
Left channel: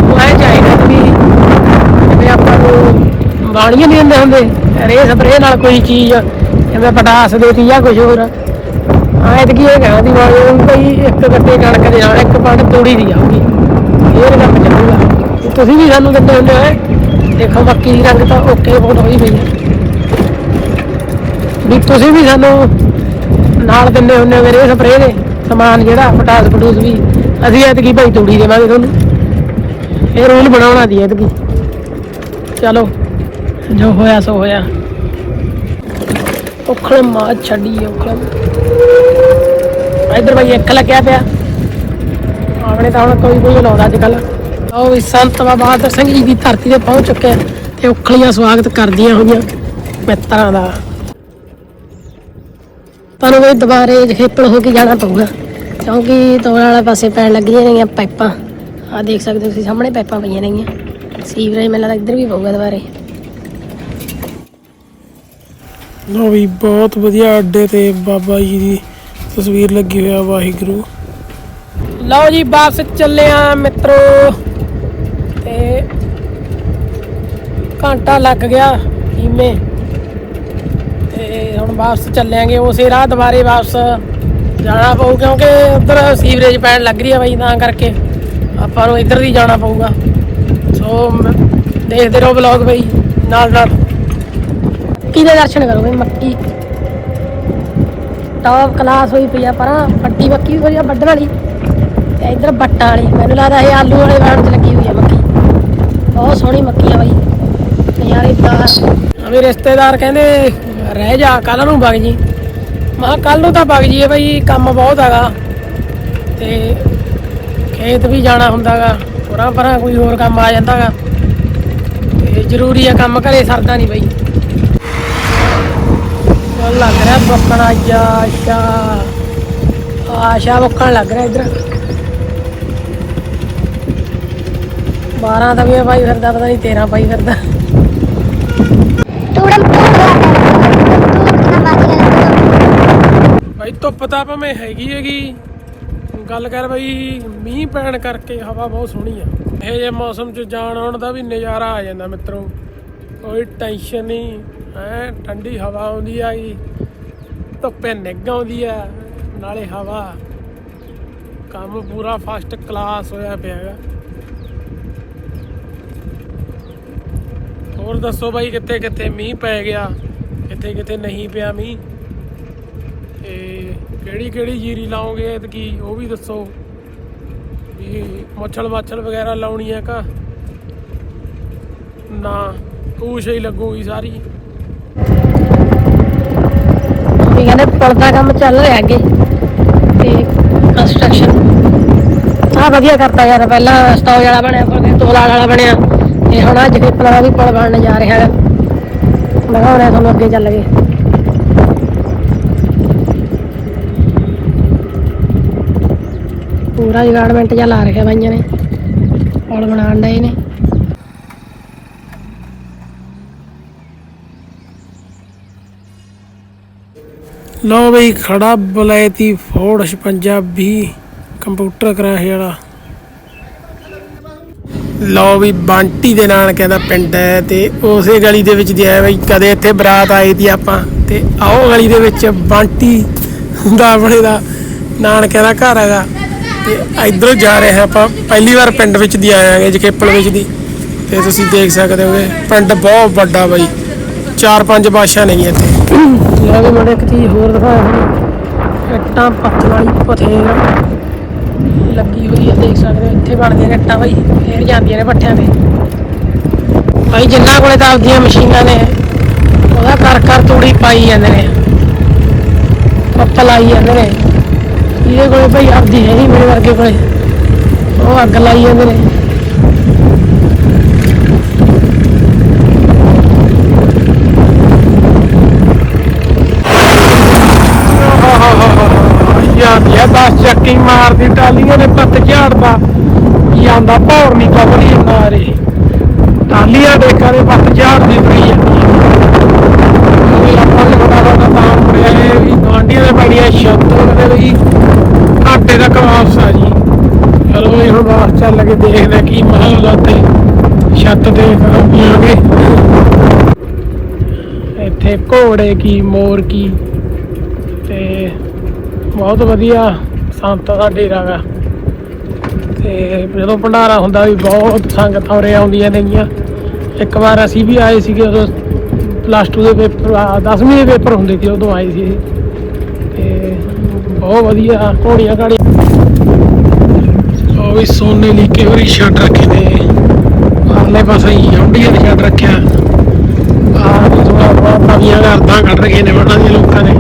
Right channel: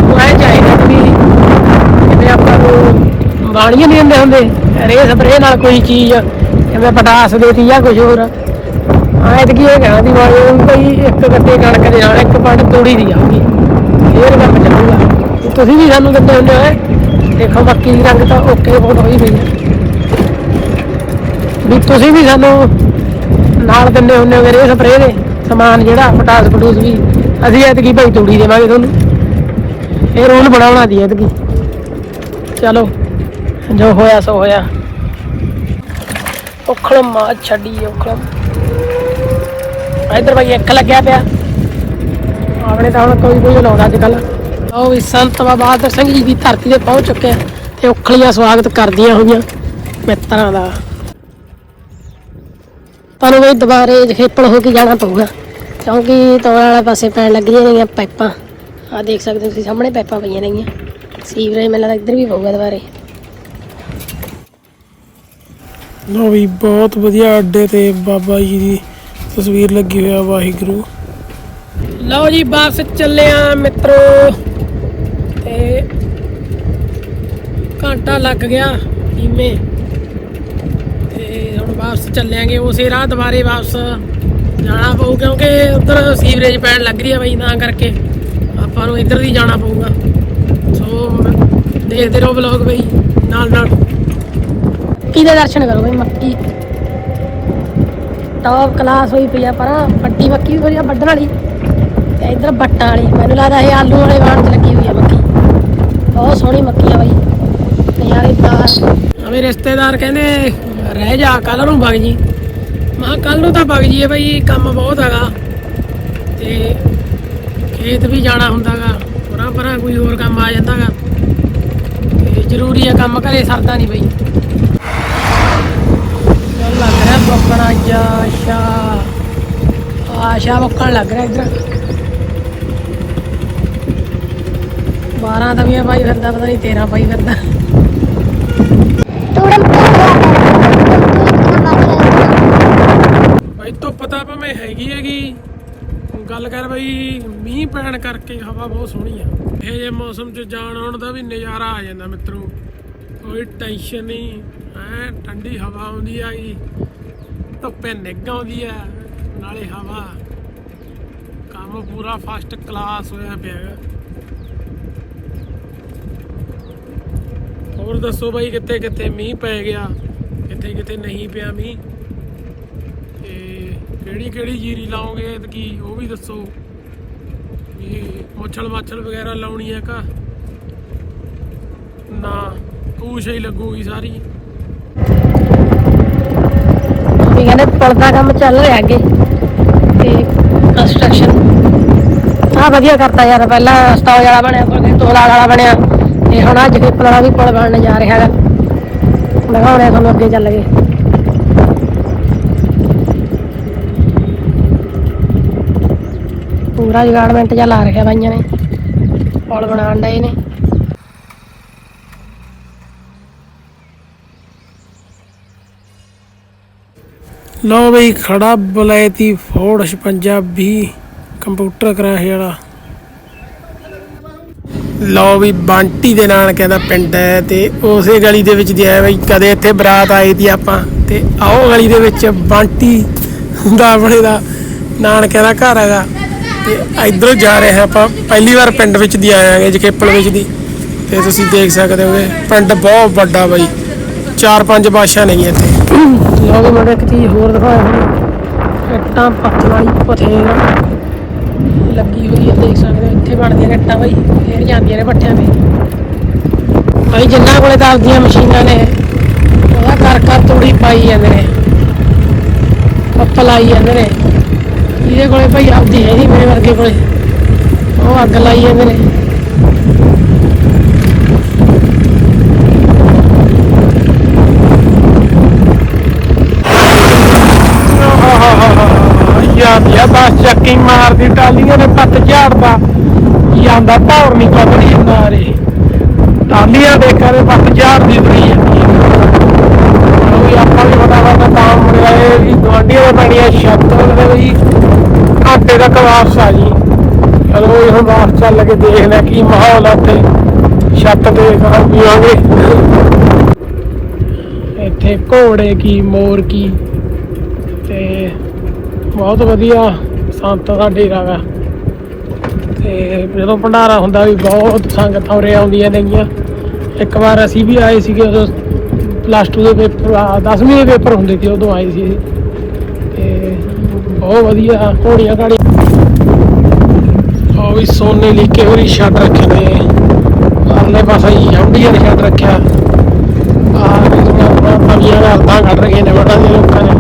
ਮੈਂ ਚਾਹੀਦਾ ਵੀ ਜੇ ਆਪਾਂ ਨੂੰ ਬਾਣੀਆਂ ਨਹੀਂ ਹੁੰਦੇ ਹੁੰਦੇ। ਰੇ ਸਪਰੇ ਨਾਲ ਕੋਈ ਚੀਜ਼, ਜਿਵੇਂ ਪਟਾਸ ਦੇਤੀ ਜਾਂ ਕੁਝ ਹੋਰ। ਐਤਕੀ ਇਹ ਕਹਿਣਾ ਦੀ ਵਾਲੀ ਕੋਈ ਇੱਕ ਗੱਤੇ ਕਣਕ ਦੇ ਨਾਲ ਇੱਕ ਪੰਡ ਤੂੜੀ ਦੀ ਆਊਗੀ। ਇਹ ਕੰਮ ਚੱਲੂਗਾ। ਤੁਸੀਂ ਵੀ ਸਾਨੂੰ ਦਿੰਦੇ ਹੁੰਦੇ ਹੋ ਦੇਖੋ ਬਾਕੀ ਦੀ ਰੰਗ ਤਾਂ ਓਕੇ ਬਹੁਤ ਹੋਈ ਪਈ ਹੈ ਵੀ ਤੁਸੀਂ ਵੀ ਸਾਨੂੰ ਨਾਲ ਦਿੰਦੇ ਹੁੰਦੇ ਮੇਰੇ ਸਪਰੇਅ ਦੇ ਸਮਾਨ ਜਿਹੜਾ, ਪਟਾਸ ਪਟੂਸ ਵੀ। ਅਸੀਂ ਐਤਕੀ ਭਾਈ ਤੂੜੀ ਦੇਵਾਂਗੇ ਤੁਹਾਨੂੰ। ਇਹ ਰੂਲ ਬਣਾਉਣਾ ਦੀ ਐਤਕੀ। ਚਲੋ, ਜੋ ਹੋਇਆ ਸੋ ਹੋਇਆ। ਔਖਣ ਮਾਂ ਛੱਡੀ ਔਖਣ ਇੱਧਰ ਭਾਈ ਇੱਕ ਲੱਗਿਆ ਪਿਆ। ਆਪਣੇ ਤਾਂ ਕੋਈ ਕੋਈ ਲਾਉਂਦਾ ਅੱਜ ਕੱਲ ਉਹ ਵੀ ਸੰਤ ਬਾਬਾ ਬਹਾਦਰ ਸਿੰਘ ਜੀ ਦੀ ਧਰਤੀ ਤੇ ਪਹੁੰਚ ਚੁੱਕੇ ਤੇ ਉਖਲੀਆਂ ਸਵਾਗਤ ਕਰਦੀਆਂ ਹੋਈਆਂ ਮਿੱਤਰਾਂ ਦਾ। ਤੁਹਾਨੂੰ ਵੀ ਦੁਬਾਰੇ ਖੇਪਲ ਹੋ ਕੇ ਜਾਣਾ ਪਊਗਾ। ਕਿਉਂਕਿ ਤੋੜ ਵਾਲਾ ਪਾਸੇ ਪੈਣ ਲੱਗ ਰਹੀਆਂ ਨੇਗੀਆਂ ਪਾਈਪਾਂ। ਆ ਦੇਖ ਸਕਦੇ ਹੋ ਤੁਸੀਂ ਸਾਹਮਣੇ ਪਾਈਪਾਂ ਪਈਆਂ ਨੇਗੀਆਂ ਸੀਵਰੇਜ ਮੈਨੂੰ ਲੱਗਦਾ ਇੱਧਰ ਵੀ ਪਊਗਾ ਦੁਬਾਰੇ। ਲੋ ਵੀ ਬਹੁਤ ਵਧੀਆ ਅੱਡੇ ਤੇ ਬਾਬਾ ਜੀ ਦੀ ਤਸਵੀਰ ਲੱਗੀ ਹੋਇਆ ਵਾਹਿਗੁਰੂ। ਲਓ ਜੀ ਬੱਸ ਚੱਲੇ ਆ ਮਿੱਤਰੋ। ਤੇ ਘੰਟਾ ਲੱਗ ਗਿਆ ਧੀਮੇ ਤੇ ਹੁਣ ਵਾਪਸ ਚੱਲਾਂਗੇ ਉਸੇ ਰਾਹ ਦੁਬਾਰੇ ਵਾਪਸ ਜਾਣਾ ਪਊ ਕਿਉਂਕਿ ਉਧਰ ਸੀਵਰੇਜ ਪੈਣ ਲੱਗ ਰਹੀ ਆ ਬਈ ਤਾਂ ਕਰਕੇ ਆਪਾਂ ਨੂੰ ਇੱਧਰ ਦੀ ਜਾਣਾ ਪਊਗਾ। ਸੋ ਦੇਖਦੇ ਰਹੋ ਵਲੌਗ ਬਈ ਨਾਲ ਨਾਲ। ਮੱਕੀ ਦਾ ਦਰਸ਼ਨ ਕਰੂਗੇ ਮੱਕੀ। ਟੌਪ ਕਲਾਸ ਹੋਈ ਪਈ ਆ ਪਰ ਵੱਡੀ ਮੱਕੀ ਵੀ ਵਧੀਆ ਵੱਢਣ ਵਾਲੀ। ਤੇ ਇੱਧਰ ਬੱਟਾਂ ਵਾਲੀ ਮੈਨੂੰ ਲੱਗਦਾ ਇਹ ਆਲੂ ਵਾਲੇ ਵਾਂਗ ਲੱਗੀ ਹੋਈ ਆ ਮੱਕੀ। ਬਹੁਤ ਸੋਹਣੀ ਮੱਕੀ ਆ ਬਾਈ। ਯਾਰੇ ਦਾ ਮੇਰੇ ਰਿਸ਼ਤੇਦਾਰ ਕਹਿੰਦੇ ਰਹਿ ਜਾ ਕੱਲ ਨੂੰ ਵਗ ਜੀ। ਮੈਂ ਕੱਲ ਨੂੰ ਤਾਂ ਵਗ ਜੀਏ ਬਈ, ਕੰਮ ਬਹੁਤ ਹੈਗਾ। ਤੇ ਖੇਤ ਵੀ ਜਾਣਾ ਹੁੰਦਾਗਾ ਪਰਾਂ ਪਰਾਂ ਕੋਈ ਹੋਰ ਕੰਮ ਆ ਜਾਂਦਾਗਾ। ਤੇ ਜ਼ਰੂਰੀ ਆ ਕੰਮ ਘਰੇ ਸਰਦਾ ਨਹੀਂ ਬਈ। ਲੱਗ ਰਿਹਾ ਬੁੱਕਣਾ ਜਾ, ਆਸ਼ਾ। ਆਸ਼ਾ ਬੁੱਕਣ ਲੱਗ ਰਿਹਾ ਇਧਰ। 12 ਦਾ ਵੀ ਆ ਭਾਈ ਫਿਰਦਾ, ਪਤਾ ਨਹੀਂ 13 ਭਾਈ ਫਿਰਦਾ ਭਾਈ ਧੁੱਪ ਤਾਂ ਭਾਵੇਂ ਹੈਗੀ ਹੈਗੀ। ਗੱਲ ਕਰ ਬਈ, ਮੀਂਹ ਪੈਣ ਕਰਕੇ ਹਵਾ ਬਹੁਤ ਸੋਹਣੀ ਆ। ਇਹ ਜੇ ਮੌਸਮ 'ਚ ਜਾਣ ਆਉਣ ਦਾ ਵੀ ਨਜ਼ਾਰਾ ਆ ਜਾਂਦਾ ਮਿੱਤਰੋ। ਕੋਈ ਟੈਨਸ਼ਨ ਨਹੀਂ ਹੈ, ਠੰਡੀ ਹਵਾ ਆਉਂਦੀ ਆ ਜੀ ਧੁੱਪੇ ਨਿੱਘ ਆਉਂਦੀ ਆ, ਨਾਲੇ ਹਵਾ। ਕੰਮ ਪੂਰਾ ਫਸਟ ਕਲਾਸ ਹੋਇਆ ਪਿਆ ਹੈਗਾ। ਹੋਰ ਦੱਸੋ ਬਾਈ ਕਿੱਥੇ ਕਿੱਥੇ ਮੀਂਹ ਪੈ ਗਿਆ? ਕਿੱਥੇ ਕਿੱਥੇ ਨਹੀਂ ਪਿਆ ਮੀਂਹ? ਕਿਹੜੀ ਕਿਹੜੀ ਜੀਰੀ ਲਾਓਗੇ ਐਤਕੀ ਉਹ ਵੀ ਦੱਸੋ। ਇਹ ਮੱਛਲ ਵਾਛਲ ਵਗੈਰਾ ਲਾਉਣੀ ਆ ਕਾ ਨਾ, ਪੂਛ ਹੀ ਲੱਗੂਗੀ ਸਾਰੀ। ਵੀ ਕਹਿੰਦੇ ਪੁਲ ਦਾ ਕੰਮ ਚੱਲ ਰਿਹਾ ਅੱਗੇ। ਤੇ ਕੰਸਟਰਕਸ਼ਨ ਆ ਵਧੀਆ ਕਰਤਾ ਯਾਰ, ਪਹਿਲਾਂ ਸਟਾਉ ਵਾਲਾ ਬਣਿਆ, ਫਿਰ ਤੋਲਾ ਵਾਲਾ ਬਣਿਆ। ਤੇ ਹੁਣ ਅੱਜ ਪੇਪਰ ਵਾਲਾ ਵੀ ਪੁਲ ਬਣਨ ਜਾ ਰਿਹਾ ਹੈਗਾ। ਲਗਾਉਣਾ ਤੁਹਾਨੂੰ ਅੱਗੇ ਚੱਲ ਗਏ। ਪੂਰਾ ਜਗਾਰਡਮੈਂਟ ਜਿਹਾ ਲਾ ਰੱਖਿਆ ਬਾਈਆਂ ਨੇ। ਪੁਲ ਬਣਾਉਣ ਡਏ ਨੇ। ਲਓ ਬਈ, ਖੜਾ ਬਲੈਤੀ ਫੋਰਡ 56 ਕੰਪਿਊਟਰ ਕਰਾਹੇ ਵਾਲਾ। ਲਓ ਵੀ ਬਾਂਟੀ ਦੇ ਨਾਨਕਿਆਂ ਦਾ ਪਿੰਡ ਹੈ ਤੇ ਉਸੇ ਗਲੀ ਦੇ ਵਿੱਚ ਦੀ ਬਈ, ਕਦੇ ਇੱਥੇ ਬਰਾਤ ਆਈ ਦੀ ਆਪਾਂ। ਤੇ ਆਓ ਗਲੀ ਦੇ ਵਿੱਚ, ਬਾਂਟੀ ਹੁੰਦਾ ਆਪਣੇ ਦਾ ਨਾਨਕਿਆਂ ਦਾ ਘਰ ਹੈਗਾ। ਤੇ ਇਧਰੋਂ ਜਾ ਰਹੇ ਹਾਂ ਆਪਾਂ। ਪਹਿਲੀ ਵਾਰ ਪਿੰਡ ਵਿੱਚ ਦੀ ਆਇਆਂਗੇ ਜਕੇਪਲ ਵਿੱਚ ਦੀ। ਤੇ ਤੁਸੀਂ ਦੇਖ ਸਕਦੇ ਹੋਗੇ, ਪਿੰਡ ਬਹੁਤ ਵੱਡਾ ਬਾਈ। ਚਾਰ ਪੰਜ ਬਾਸ਼ਾ ਨਹੀਂ ਇੱਥੇ। ਉਹਦੇ ਮੋੜੇ ਇੱਕ ਚੀਜ਼ ਹੋਰ ਦਿਖਾਇਆ ਹੁਣ ਇੱਟਾਂ ਪੱਥਰ ਵਾਲੀ ਪਥੇਰ ਲੱਗੀ ਹੋਈ ਹੈ ਦੇਖ ਸਕਦੇ ਹੋ, ਇੱਥੇ ਬਣਦੀਆਂ ਇੱਟਾਂ ਬਾਈ। ਫੇਰ ਜਾਂਦੀਆਂ ਨੇ ਪੱਠਿਆਂ ਤੇ। ਭਾਈ ਜਿੰਨਾ ਕੋਲੇ ਤਾਂ ਆਪਦੀਆਂ ਮਸ਼ੀਨਾਂ ਨੇ, ਉਹਦਾ ਕਰ ਕਰ ਤੂੜੀ ਪਾਈ ਜਾਂਦੇ ਨੇ। ਪੱਪ ਆਈ ਜਾਂਦੇ ਨੇ। ਇਹਦੇ ਕੋਲੇ ਭਾਈ ਆਪਦੀ ਹੈ ਨਹੀਂ ਮੇਰੇ ਵਰਗੇ ਕੋਲੇ। ਉਹ ਅੱਗ ਲਾਈ ਹੈ ਨੇ ਯਾਰ ਯਾ ਬਸ ਚੱਕੀ ਮਾਰਦੀ, ਟਾਲੀਆਂ ਨੇ ਪੱਤ ਝਾੜਦਾ। ਜਾਂਦਾ ਭੌਰ ਨਹੀਂ ਚੱਕਦੀ ਮਾਰੇ ਟਾਲੀਆਂ ਦੇ ਕਰੇ ਪੱਤ ਝਾੜਦੀ ਪਈ ਜਾਂਦੀ ਵੀ ਆਪਾਂ ਨੂੰ ਪਤਾ ਹੁੰਦਾ ਤਾਂ ਹੁੰਦਾ ਇਹ ਵੀ ਦੇ ਮਾਰੀਆਂ ਸ਼ੱਕ ਆਟੇ ਆ ਜੀ ਰੋਜ਼ ਇਹ ਹੁਣ ਬਾਹਰ ਚੱਲ ਕੇ ਦੇਖਦਾ ਕੀ ਮਾਹੌਲ ਆ ਤੇ ਛੱਤ ਤੇ ਖਰਾਬੀ ਹੋ ਇੱਥੇ ਘੋੜੇ ਕੀ, ਮੋਰ ਕੀ। ਤੇ ਬਹੁਤ ਵਧੀਆ ਸੰਤਾਂ ਦਾ ਡੇਰਾ ਗਾ ਤੇ ਜਦੋਂ ਭੰਡਾਰਾ ਹੁੰਦਾ ਵੀ ਬਹੁਤ ਸੰਗਤ ਹੋਰੇ ਆਉਂਦੀਆਂ ਨੇਗੀਆਂ ਇੱਕ ਵਾਰ ਅਸੀਂ ਵੀ ਆਏ ਸੀਗੇ ਉਦੋਂ ਪਲੱਸ 2 ਦੇ ਪੇਪਰ 10ਵੀਂ ਦੇ ਪੇਪਰ ਹੁੰਦੇ ਸੀ, ਉਦੋਂ ਆਏ ਸੀ। ਤੇ ਬਹੁਤ ਵਧੀਆ ਘੋੜੀਆਂ ਘਾੜੀਆਂ ਉਹ ਸੋਨੇ ਸੋਨੇ ਦੀ ਕਿਹੜੀ ਛੱਡ ਰੱਖੇ ਨੇ? ਆਲੇ ਪਾਸੇ ਹੀ ਦੇ ਛੱਡ ਰੱਖਿਆ। ਆਹ ਵੀ ਥੋੜਾ ਬਹੁਤ ਪਾਣੀਆਂ ਦਾ ਹੱਥਾਂ ਕੱਢ ਰਹੀਆਂ ਨੇ ਬੜਾ ਦੇ ਲੋਕਾਂ ਨੇ।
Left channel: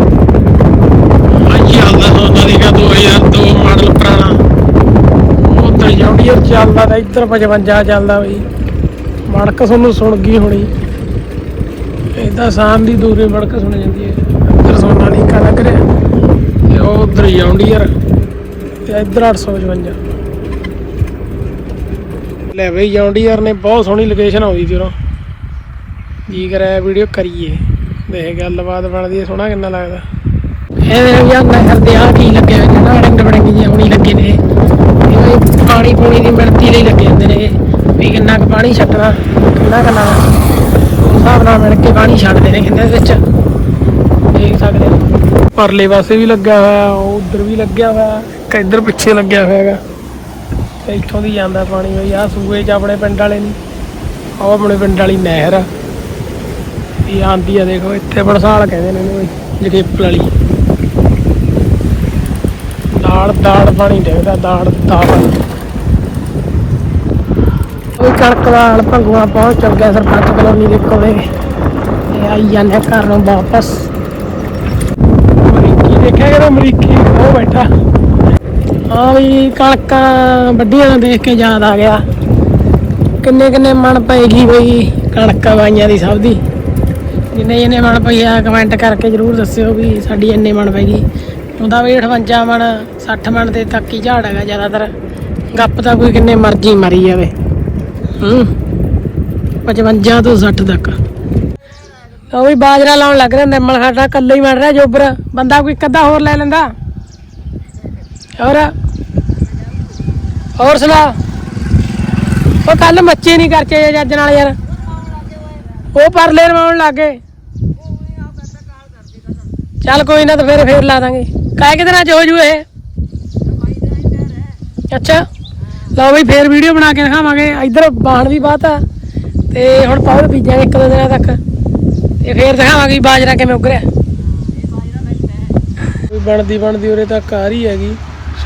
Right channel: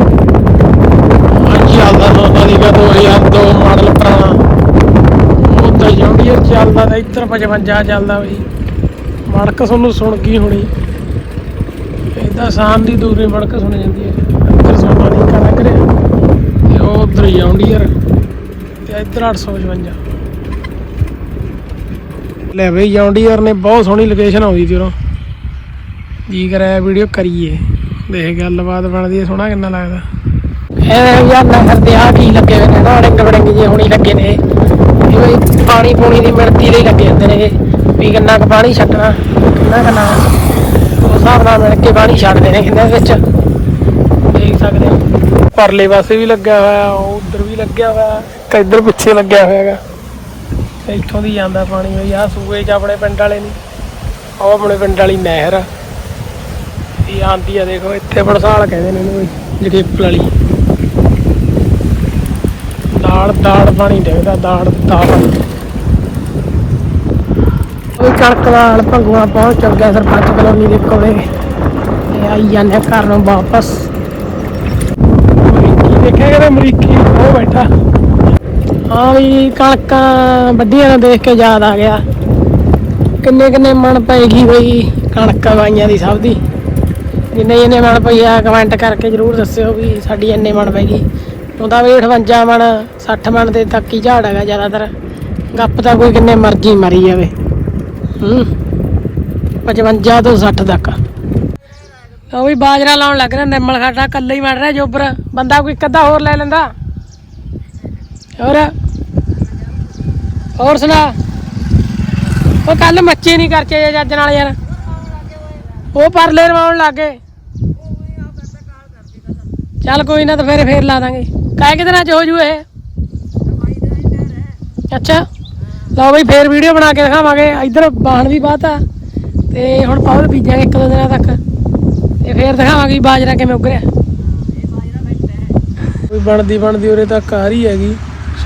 ਚੱਲਦਾ ਸੋਨਾ ਲੀਗਾ 2002 ਮਾਡਲ ਪੁਰਾਣਾ। ਉੱਧਰ ਜੌਂਡੀਅਰ ਚੱਲਦਾ ਤਾਂ ਇੱਧਰ 55 ਚੱਲਦਾ ਬਈ। ਮੜਕ ਤੁਹਾਨੂੰ ਸੁਣ ਗਈ ਹੋਣੀ। ਇਹ ਤਾਂ ਸਾਮ ਦੀ ਦੂਰੀ ਮੜਕ ਸੁਣ ਜਾਂਦੀ ਹੈ। ਇੱਧਰ ਸੋਨਾ ਲੀਗਾ ਲੱਗ ਰਿਹਾ। ਤੇ ਉਹ ਉੱਧਰ ਜੌਂਡੀਅਰ ਤੇ ਇੱਧਰ 855 ਲੈ ਬਈ ਜੌਂਡੀਅਰ ਨੇ ਬਹੁਤ ਸੋਹਣੀ ਲੋਕੇਸ਼ਨ ਆਉਂਦੀ ਸੀ ਉਰੋਂ ਜੀ ਕਰਿਆ ਵੀਡੀਓ ਕਰੀਏ। ਦੇਖ ਗੱਲਬਾਤ ਬਣਦੀ ਸੋਹਣਾ ਕਿੰਨਾ ਲੱਗਦਾ। ਇਹ ਯਾਰ ਨਾ ਕਰਦੇ ਆ ਕੀ ਲੱਗੇ ਹੋਏ ਨੇ ਨਾ ਰੰਗ ਬੜੰਗੇ ਜਿਹੇ ਹੁਣੀ ਲੱਗੇ ਨੇ। ਇਹ ਪਾਣੀ ਪੂਣੀ ਦੀ ਮਿਣਤੀ ਦੇ ਲੱਗੇ ਹੁੰਦੇ ਨੇ। ਵੀ ਕਿੰਨਾ ਕੁ ਪਾਣੀ ਛੱਡਣਾ ਕਿੰਨਾ ਕੁ ਹਿਸਾਬ ਨਾਲ ਮਿਣ ਕੇ ਪਾਣੀ ਛੱਡਦੇ ਨੇ ਕਿੰਨਾ ਵਿੱਚ। ਦੇਖ ਸਕਦੇ ਹੋ। ਪਰਲੇ ਪਾਸੇ ਵੀ ਲੱਗਿਆ ਹੋਇਆ ਉਧਰ ਵੀ ਲੱਗਿਆ ਹੋਇਆ ਇੱਕ ਇੱਧਰ ਪਿੱਛੇ ਲੱਗਿਆ ਹੋਇਆ ਹੈਗਾ। ਤੇ ਇੱਥੋਂ ਦੀ ਜਾਂਦਾ ਪਾਣੀ ਬਈ ਆ ਸੂਏ ਚ ਆਪਣੇ ਪਿੰਡ ਵਾਲੇ ਨੂੰ। ਉਹ ਆਪਣੇ ਪਿੰਡ ਵਾਲੀ ਨਹਿਰ ਆ। ਇਹ ਆਂਦੀ ਆ ਦੇਖੋ ਇੱਥੇ ਬੜਸਾਲ ਕਹਿੰਦੇ ਨੇ ਇਹਨੂੰ ਜਗੇਪਲ ਵਾਲੀ। ਦਾੜ ਦਾੜ ਪਾਣੀ ਡੇਗਦਾ ਦਾੜ ਦਾੜ ਉਹ ਚੜਕਵਾਲ ਭੰਗੂਆ ਪਹੁੰਚ ਚੱਲ ਗਿਆ ਸਰਪੰਚ ਕਲੋਨੀ ਦੇ ਕੋਲੇ। ਆਈ ਜਾਂਦਾ ਘਰ ਨੂੰ ਵਾਪਸ। ਦੇਖਿਆ ਕਿ ਅਮਰੀਕੀ ਉਹ ਬੈਠਾ। ਹਾਂ ਵੀ ਕਣਕਾਂ ਵੱਡੀਆਂ ਦੇਖ ਕੇ ਯਾਦ ਆ ਗਿਆ। ਕਿੰਨੇ ਕਿੰਨੇ ਮਨ ਪਏਗੀ ਬਈ ਕਣਕਾਂ ਵਾਈਆਂ ਦੀ ਸਭ ਦੀ। ਜਿੰਨੇ ਜਿੰਨੇ ਮਨ ਪਈ ਆ ਕਮੈਂਟ ਕਰਕੇ ਜਰੂਰ ਦੱਸਿਓ ਵੀ ਸਾਡੀ ਇੰਨੇ ਮਨ ਪੈਗੀ ਉਹਦਾ ਵੀ 58 ਮਣ 60 ਮਣ ਦੇ ਤੱਕ ਹੀ ਝਾੜ ਹੈਗਾ ਜ਼ਿਆਦਾਤਰ। ਗੱਪ ਤਾਂ ਕੋਈ ਕਿੰਨੇ ਮਰਜ਼ੀ ਮਰੀ ਜਾਵੇ। ਹੂੰ 55 ਤੋਂ 60 ਤੱਕ। ਉਹ ਵੀ ਬਾਜਰਾ ਲਾਉਣ ਲੱਗ ਰਿਹਾ, ਨਿੰਮਲ ਸਾਡਾ ਕੱਲੇ ਹੀ ਮੜ ਰਿਹਾ ਜੋਬਰ। ਬੰਦਾ ਕੋਈ ਕੱਦਾ ਹੋਰ ਲੈ ਲੈਂਦਾ। ਹੋਰ? ਹੋਰ ਸੁਣਾ। ਉਹ ਕੱਲ ਮੱਛੀ ਨਹੀਂ ਕਰਕੇ ਜੱਜ ਨਾਲ ਯਾਰ। ਉਹ ਪਰਲੇ ਰਵਾਉਣ ਲੱਗੇ ਚੱਲ ਕੋਈ ਨਾ ਤਾਂ ਫੇਰ ਫੇਰ ਲਾ ਦਾਂਗੇ। ਕਾਹ ਕਿ ਦਿਨਾਂ ਚ ਹੋ ਜੂ ਇਹ? ਅੱਛਾ। ਲਓ ਬਈ ਫੇਰ ਵੀਡੀਓ ਬਣਾ ਕੇ ਦਿਖਾਵਾਂਗੇ। ਇਧਰ ਬਾਣ ਦੀ ਬਾਤ ਆ ਤੇ ਹੁਣ ਪਾਉਰ ਬੀਜਾਂਗੇ ਇੱਕ ਦੋ ਦਿਨਾਂ ਤੱਕ। ਤੇ ਫੇਰ ਦਿਖਾਵਾਂਗੇ ਵੀ ਬਾਜਰਾ ਕਿਵੇਂ ਉਗਰਿਆ। ਕੋਈ ਬਣਦੀ ਬਣਦੀ ਉਰੇ ਤੱਕ ਆ ਰਹੀ ਹੈਗੀ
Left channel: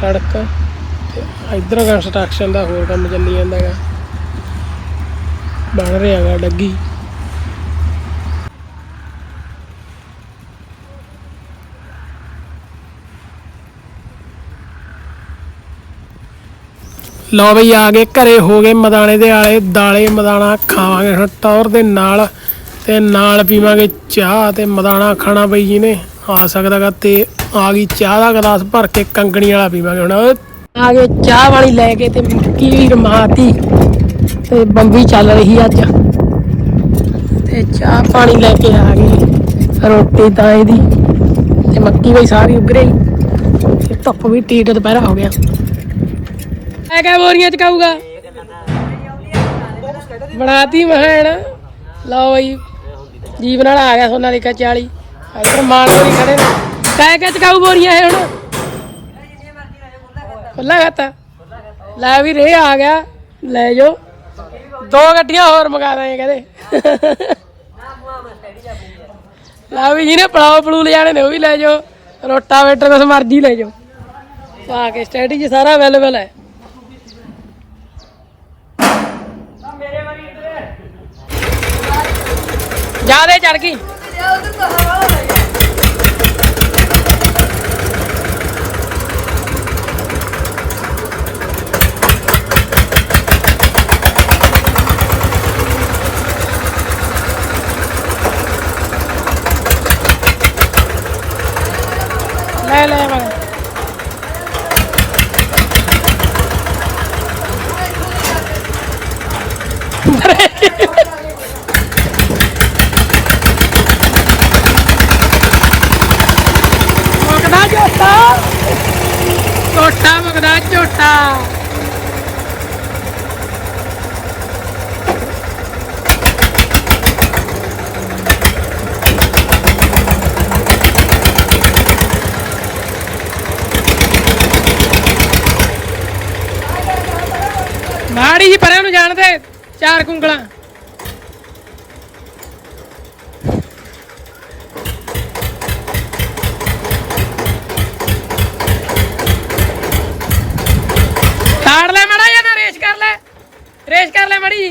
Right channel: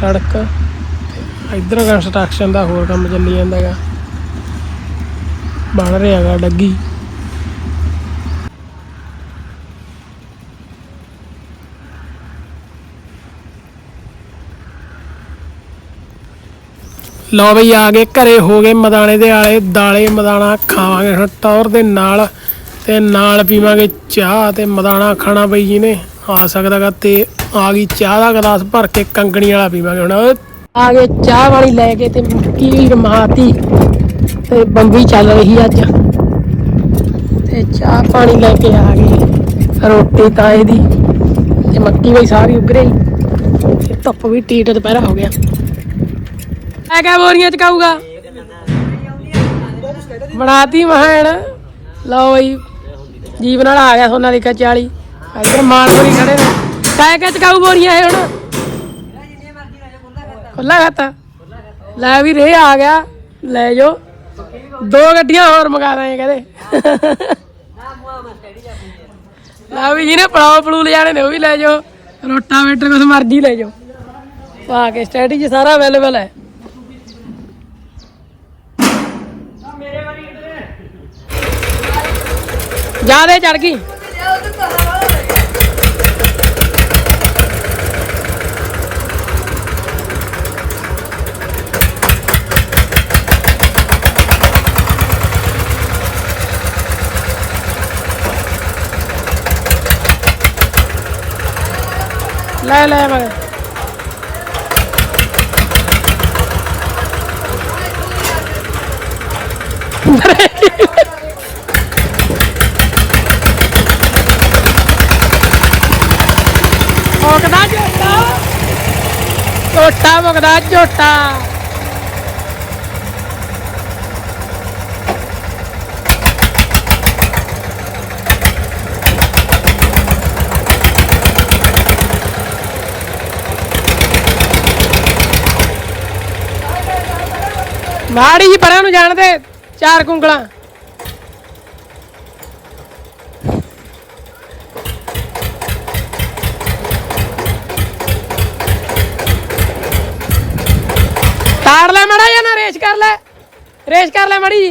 ਸੜਕ। ਇਧਰ ਕੰਸਟਰਕਸ਼ਨ ਦਾ, ਹੋਰ ਕੰਮ ਚੱਲੀ ਜਾਂਦਾ ਹੈਗਾ। ਬਣ ਰਿਹਾ ਹੈਗਾ ਡੱਗੀ। ਲਓ ਬਈ, ਆ ਗਏ ਘਰੇ, ਹੋ ਗਏ ਮਦਾਣੇ ਦੇ ਆਲੇ ਦਾਲੇ ਮਦਾਣਾ ਖਾਵਾਂਗੇ ਹੁਣ ਟੌਰ ਦੇ ਨਾਲ ਤੇ ਨਾਲ ਪੀਵਾਂਗੇ ਚਾਹ ਤੇ ਮਦਾਣਾ ਖਾਣਾ ਬਈ ਜੀ ਨੇ। ਆ ਸਕਦਾਗਾ ਤੇ ਆ ਗਈ ਚਾਹ ਦਾ ਗਲਾਸ ਭਰ ਕੇ ਕੰਗਣੀ ਵਾਲਾ ਪੀਵਾਂਗੇ ਹੁਣ। ਆ ਗਏ, ਚਾਹ ਵਾਲੀ ਲੈ ਕੇ ਤੇ ਮੱਕੀ ਵੀ ਰਮਾਤੀ ਤੇ ਬੰਦੀ ਚੱਲ ਰਹੀ ਅੱਜ। ਤੇ ਚਾਹ ਪਾਣੀ ਲੈ ਕੇ ਆ ਗਏ। ਰੋਟੀ ਤਾਂ ਇਹਦੀ ਤੇ ਮੱਕੀ ਵੀ ਸਾਰੀ ਉੱਗ ਰਹੀ। ਤੇ ਧੁੱਪ ਵੀ ਟੀਟ ਦੁਪਹਿਰਾ ਹੋ ਗਿਆ। ਆ ਕਿਆ ਬੋਰੀਆਂ ਚ ਕਾਊਗਾ ਬਣਾਤੀ ਮਹਾਨ ਲਓ ਬਈ ਜੀਵ ਨਾਲ ਆ ਗਿਆ ਸੋਨਾਲੀਕਾ 40 ਇੱਧਰ ਮਾਰ ਨਹੀਂ ਖੜੇ ਨੇ। ਕਾਇ ਚਕਾਊ ਬੋਰੀਆਂ ਇਹ ਹੁਣ। ਖੁੱਲਾ ਖਾਤਾ ਲੈ ਵੀ ਰੇ ਆ ਗਿਆ। ਲੈ ਜੋ ਦੋ ਗੱਡੀਆਂ ਹੋਰ ਮੰਗਾ ਦਾਂਗੇ ਕਹਿੰਦੇ। ਲੈ ਵੀ ਜਿਹਨੇ ਪਲਾਉ ਪਲੂ ਲਿਜਾਣੇ ਨੇ ਉਹ ਵੀ ਲੈ ਜਾਓ। ਰੋਟਾਵੇਟਰ ਕੁਛ ਮਰਜ਼ੀ ਲੈ ਜਾਓ। ਪਾ ਕੇ ਸਟੈਟੀ 'ਚ ਸਾਰਾ ਅਵੇਲੇਬਲ ਹੈ। ਜ਼ਿਆਦਾ ਚੜ ਗਈ ਲੈ ਲੈ ਲੈ ਮੁਕਦਾ ਝੋਟਾ ਝੋਟਾ ਮੁਕਦਾ ਮਾੜੀ ਜੀ ਪਰਾਂ ਨੂੰ ਜਾਣਦੇ ਚਾਰ ਕੁੰਗਲਾਂ। বাড়ি